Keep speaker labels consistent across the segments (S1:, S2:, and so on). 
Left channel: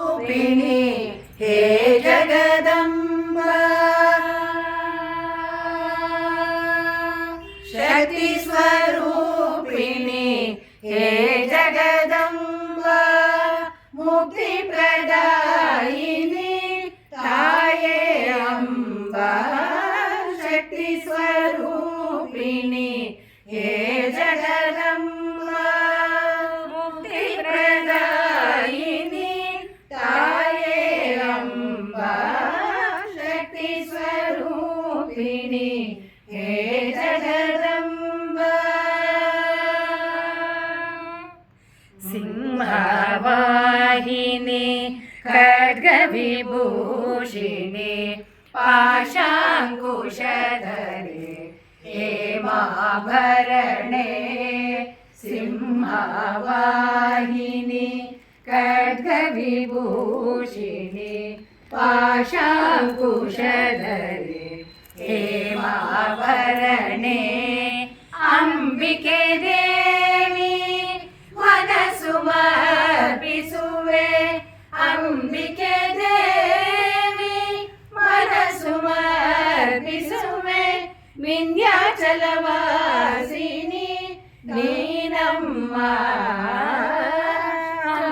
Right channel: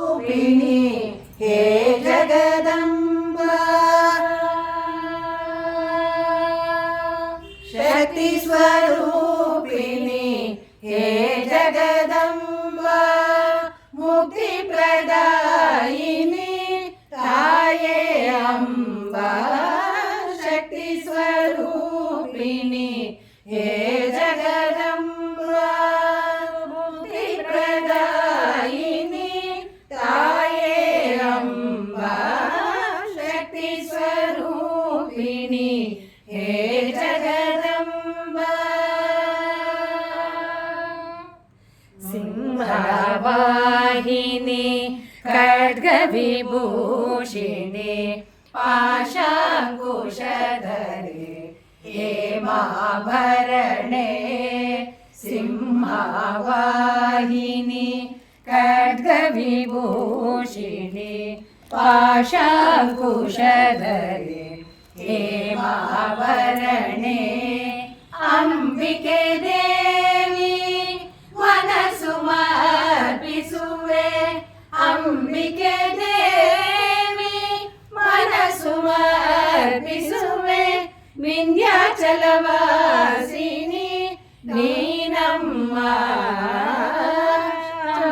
S1: रूपिणी हे जगदम्ब शरूपिणि हे जगदम्ब मुक्तिप्रदायिनि काये अम्ब शक्तिस्वरूपिणि हे जगद रूपिणी हे जगदम्ब सिंहवाहिनी खड्गविभूषिणी पाशाङ्कुशधरे हे माभरणे सिंहवाहिनी खड्गविभूषिणी पाशाङ्कुशधरे ಹೇಮಾಭರಣೆ ಅಂಬಿಕೆ ದೇವಿ ಮನಸ್ಸು ಮರ್ಪಿಸುವೆ ಅಂಬಿಕೆ ದೇವಿ ಮನಸ್ಸು ಮರ್ಪಿಸುವೆ ವಿಂಧ್ಯಾಚಲವಾಸಿನಿ ನೀನಮ್ಮ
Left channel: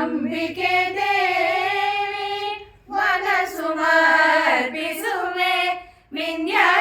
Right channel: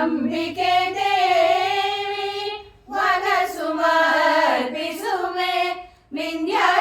S1: ಅಂಬಿಕೆ ದೇವಿ ಮನಸ್ಸು ಮರ್ಪಿಸುವೆ ವಿಂಧ್ಯ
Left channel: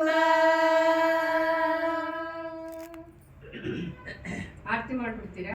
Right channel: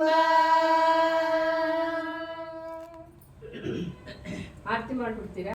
S1: ಆರ್ತಿ ಮಾಡ್ಬಿಡ್ತೀರಾ